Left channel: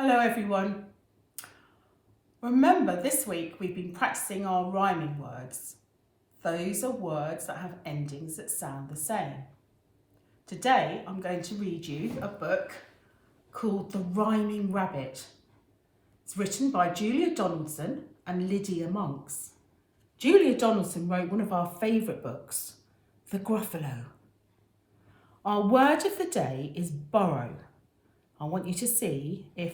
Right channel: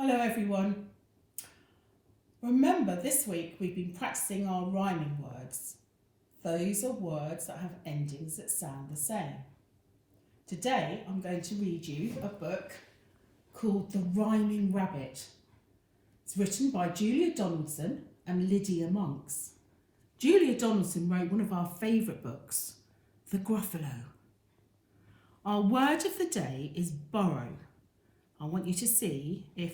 Hello everyone. Remember, this week we've been practicing our rhyming words. Those are words that have endings that sound the same. Today I'm going to read you a book called The Rhyming Rabbit. It's written by Julia Donaldson and Lydia Monks. Julia Donaldson wrote one of our favourite books, The Gruffalo. Our word of the day is borrow. I want you to see if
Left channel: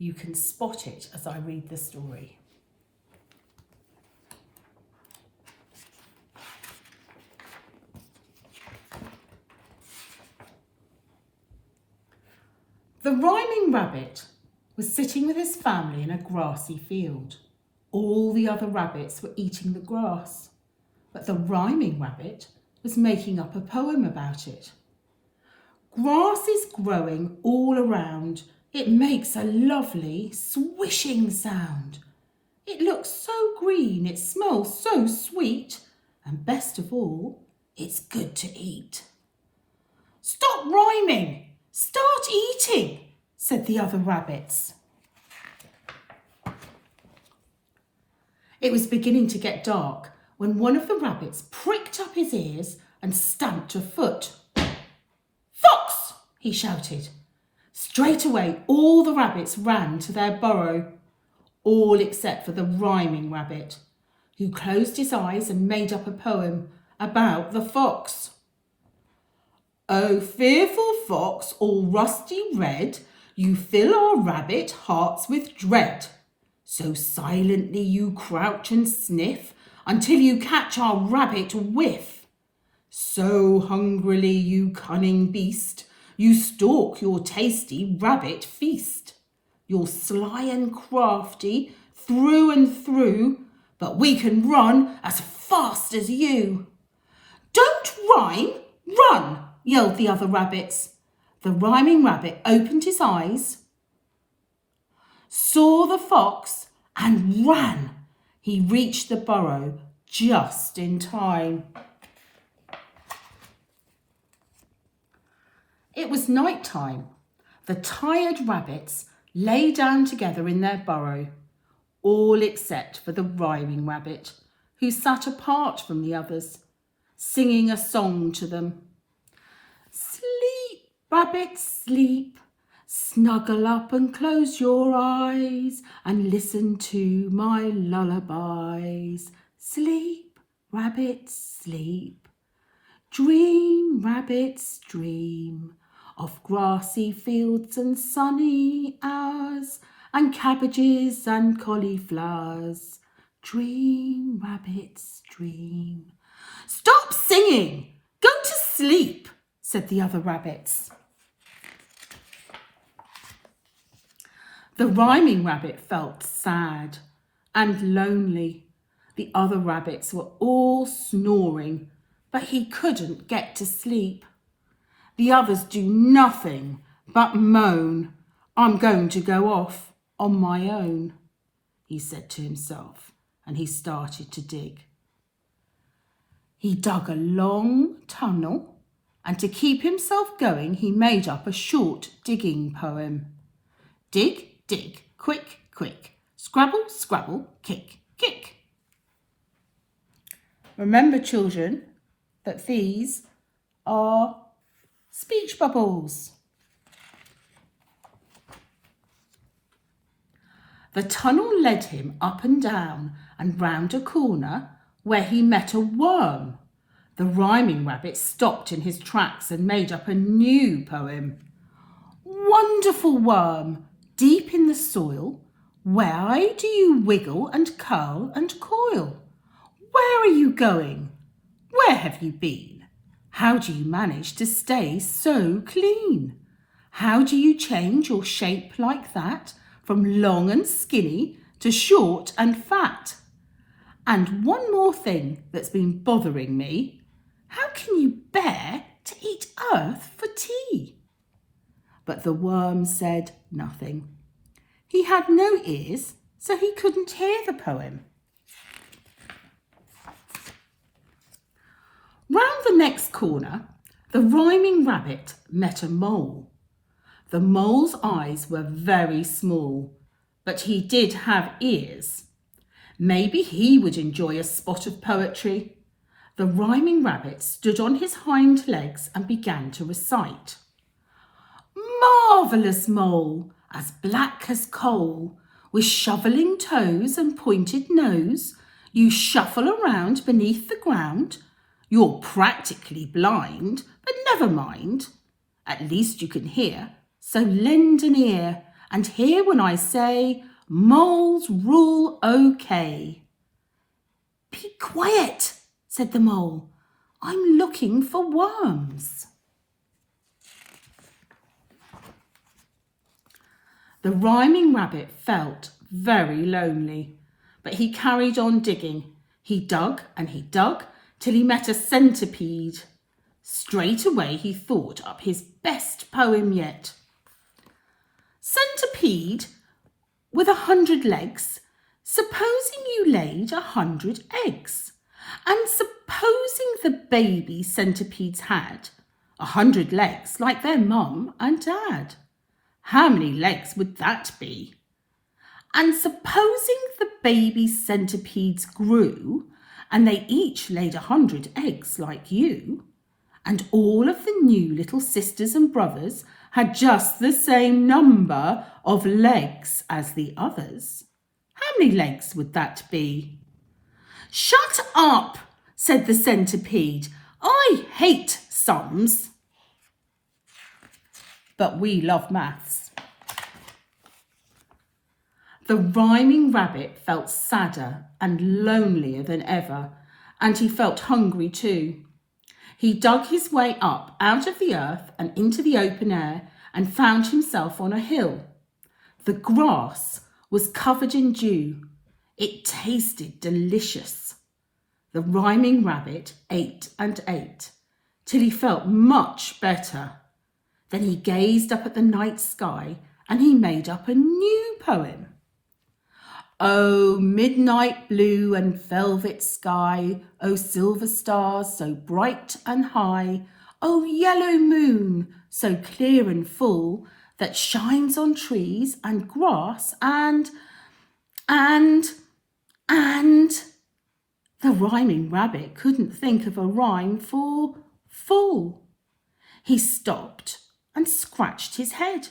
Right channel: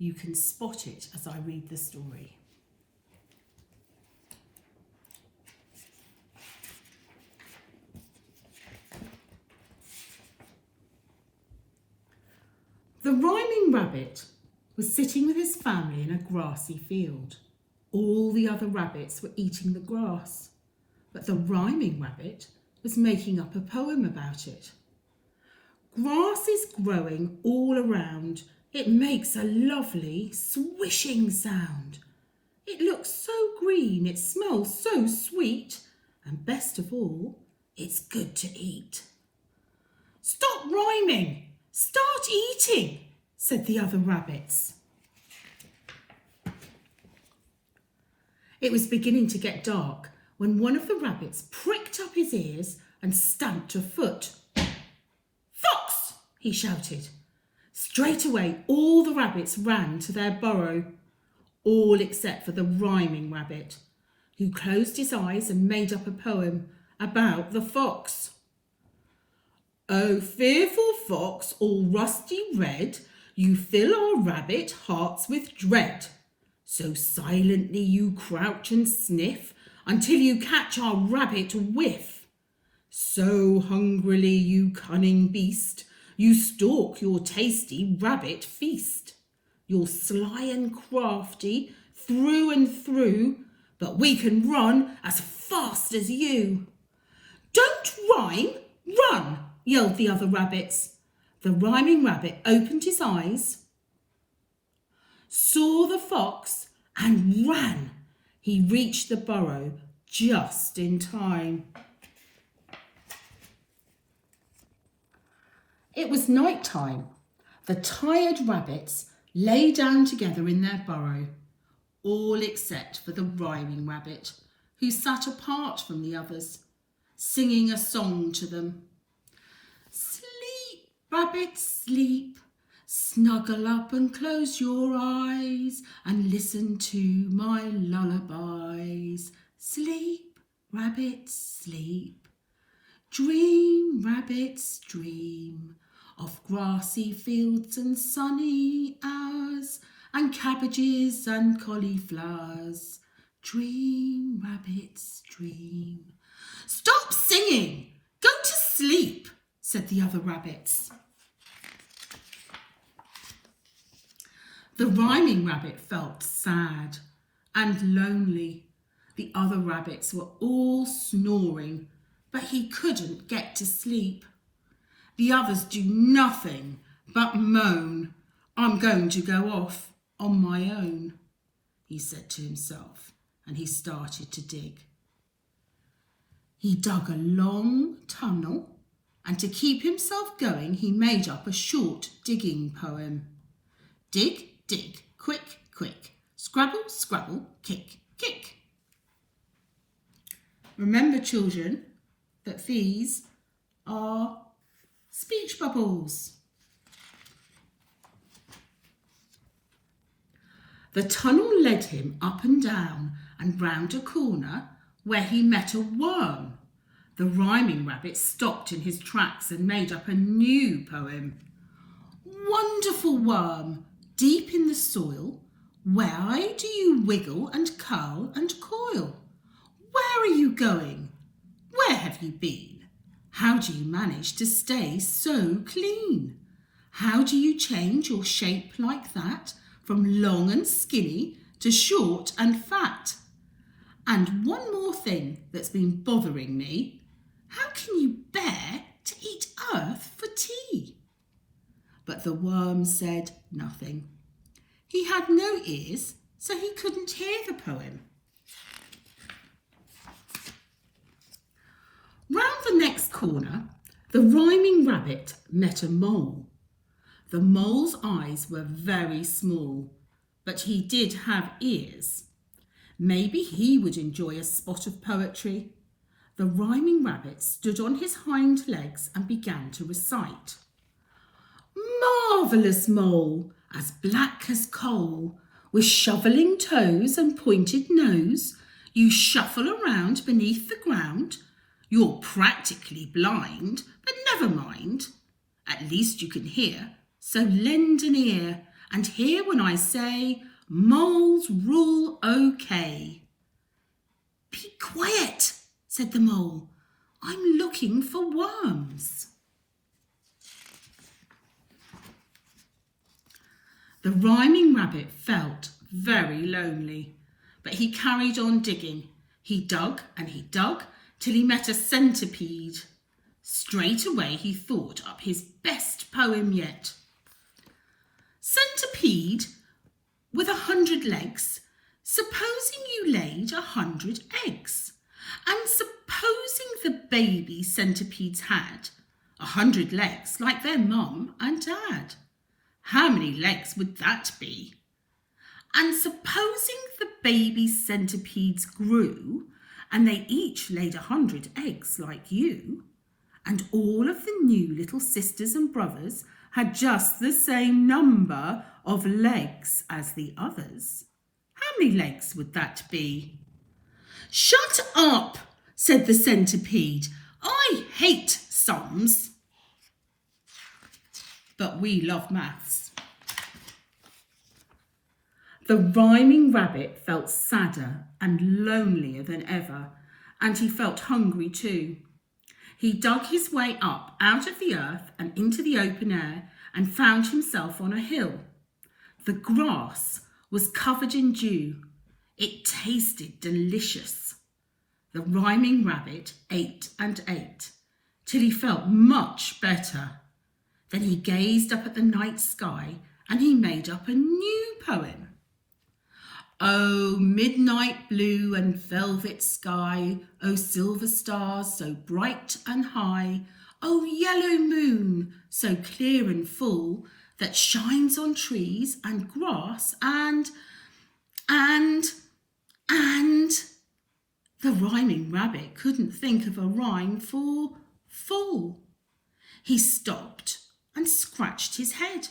you can spot it as I read the story. The rhyming rabbit was sitting with his family in a grassy field. All the other rabbits were eating the grass, but the rhyming rabbit was making up a poem about it. Grass is growing all around. It makes a lovely swishing sound. It looks so green, it smells so sweet, and best of all, it's good to eat. Stop rhyming, start eating, said the other rabbits. It was beginning to get dark when one of the rabbits pricked up his ears and stamped a foot. Fox! He shouted. Straight away, all the rabbits ran to their burrow, all except for the rhyming rabbit, who closed his eyes and made up a poem about the fox. Oh, fearful fox, all rusty red, you fill our rabbit hearts with dread. So silently you crouch and sniff until you catch our rabbit whiff. So hungrily, you cunning beast, you stalk your tasty rabbit feast. You're sly and crafty through and through, but we can run as fast as you. Don't rhyme, run, yelled the other rabbits. The rhyming rabbit opened his eyes, saw the fox and ran. He reached the burrow just in time. It was night time. The tired rabbits lay down together in their burrow, all except for the rhyming rabbit, who sat apart from the others, singing a song to them. Sleep, rabbit, sleep. Snuggle up and close your eyes and listen to my lullabies. Sleep, rabbit, sleep. Dream, rabbits, dream of grassy fields and sunny hours and cabbages and cauliflowers. Dream, rabbits, dream. Stop singing! Go to sleep, said the other rabbits. The rhyming rabbit felt sad and lonely. The other rabbits were all snoring, but he couldn't get to sleep. The others do nothing but moan. I'm going to go off on my own, he said to himself, and he started to dig. He dug a long tunnel, and to keep himself going, he made up a short digging poem. Dig, dig, quick, quick, scrabble, scrabble, kick, kick. Remember, children, that these are speech bubbles. The tunnel led him up and down and round a corner where he met a worm. The rhyming rabbit stopped in his tracks and made up a new poem. Wonderful worm, deep in the soil, why do you wiggle and curl and coil? Where are you going? Where have you been? How do you manage to stay so clean? How do you change your shape like that, from long and skinny to short and fat? And one more thing that's been bothering me. How can you bear to eat earth for tea? But the worm said nothing. He had no ears, so he couldn't hear the poem. Round the next corner, the rhyming rabbit met a mole. The mole's eyes were very small, but he did have ears. Maybe he would enjoy a spot of poetry. The rhyming rabbit stood on his hind legs and began to recite. Marvellous mole, as black as coal, with shovelling toes and pointed nose, you shuffle around beneath the ground. You're practically blind, but never mind. At least you can hear, so lend an ear and hear when I say, moles rule okay. Be quiet, said the mole. I'm looking for worms. The rhyming rabbit felt very lonely, but he carried on digging. He dug and he dug till he met a centipede. Straight away he thought up his best poem yet. Centipede with 100 legs, supposing you laid 100 eggs, and supposing the baby centipedes had 100 legs like their mum and dad. How many legs would that be? And supposing the baby centipedes grew and they each laid 100 eggs like you, and all of the new little sisters and brothers had just the same number of legs as the others, how many legs would that be? Shut up, said the centipede. I hate sums. But we love maths. The rhyming rabbit felt sadder and lonelier than ever, and he felt hungry too. He dug his way up out of the earth and into the open air and found himself on a hill. The grass was covered in dew. It tasted delicious. The rhyming rabbit ate and ate till he felt much better. Then he gazed up at the night sky and he made up a new poem. Oh, midnight blue and velvet sky, oh, silver stars so bright and high, oh, yellow moon so clear and full that shines on trees and grass and the rhyming rabbit couldn't think of a rhyme for full. He stopped and scratched his head.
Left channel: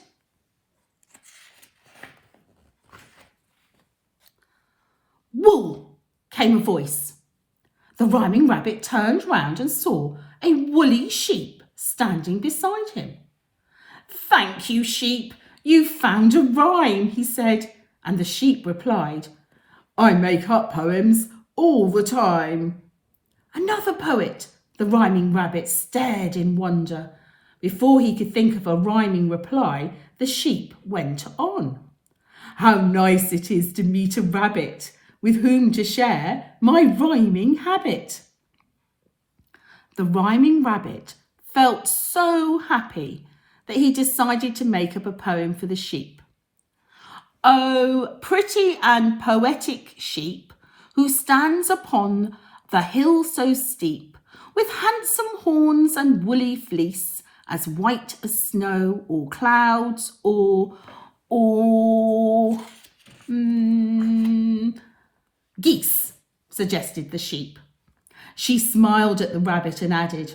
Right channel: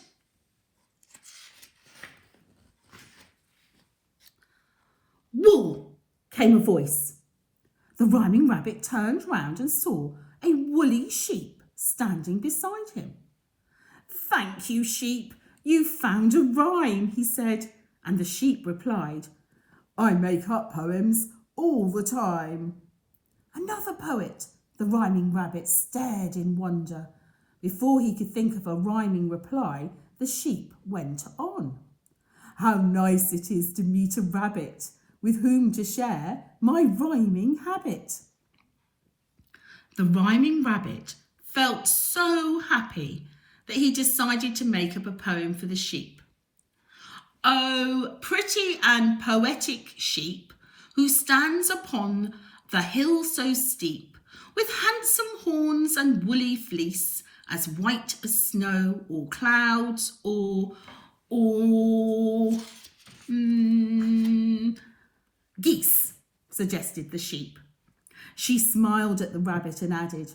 Wool, came a voice. The rhyming rabbit turned round and saw a woolly sheep standing beside him. Thank you, sheep, you've found a rhyme, he said, and the sheep replied, I make up poems all the time. Another poet, the rhyming rabbit stared in wonder. Before he could think of a rhyming reply, the sheep went on. How nice it is to meet a rabbit with whom to share my rhyming habit. The rhyming rabbit felt so happy that he decided to make up a poem for the sheep. Oh, pretty and poetic sheep, who stands upon the hill so steep, with handsome horns and woolly fleece, as white as snow or clouds or geese, suggested the sheep. She smiled at the rabbit and added,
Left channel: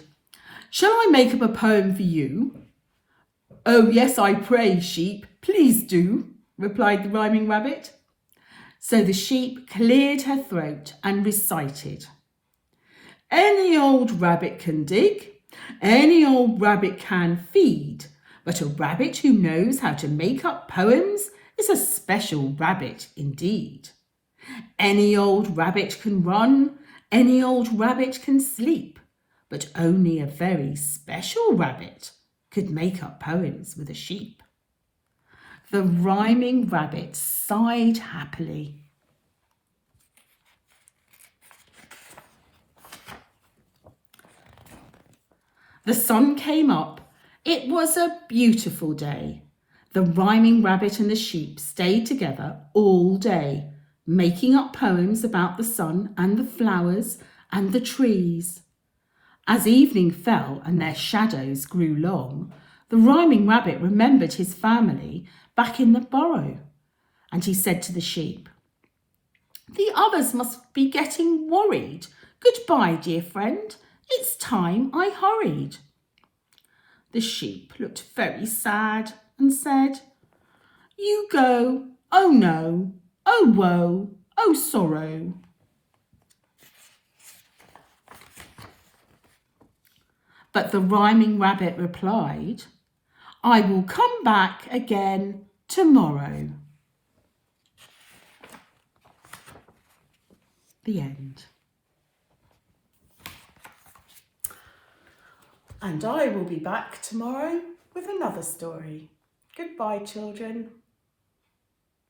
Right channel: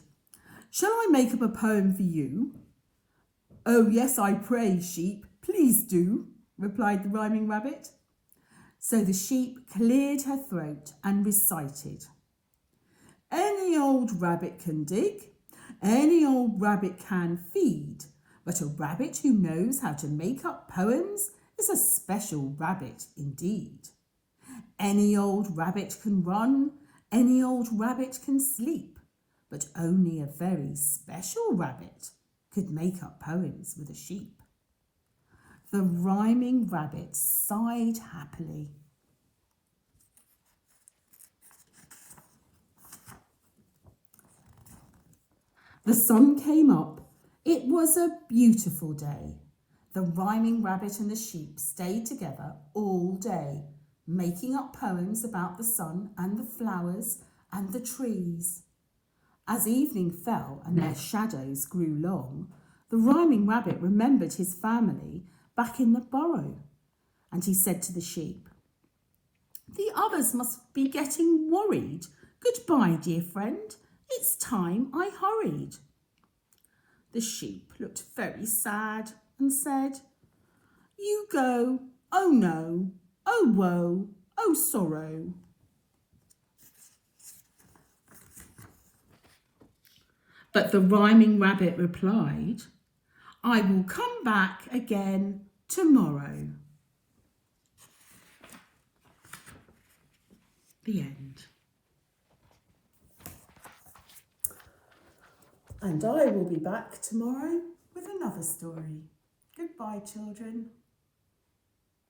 Shall I make up a poem for you? Oh, yes, I pray, sheep, please do, replied the rhyming rabbit. So the sheep cleared her throat and recited, Any old rabbit can dig, any old rabbit can feed, but a rabbit who knows how to make up poems is a special rabbit indeed. Any old rabbit can run, any old rabbit can sleep, but only a very special rabbit could make up poems with a sheep. The rhyming rabbit sighed happily. The sun came up. It was a beautiful day. The rhyming rabbit and the sheep stayed together all day, making up poems about the sun and the flowers and the trees. As evening fell and their shadows grew long, The rhyming rabbit remembered his family back in the burrow, and he said to the sheep, "The others must be getting worried. Goodbye, dear friend. It's time I hurried." The sheep looked very sad and said, "You go, oh no, oh woe, oh sorrow." But the rhyming rabbit replied, "I will come back again tomorrow." The end. And I will be back tomorrow with another story. Goodbye, children.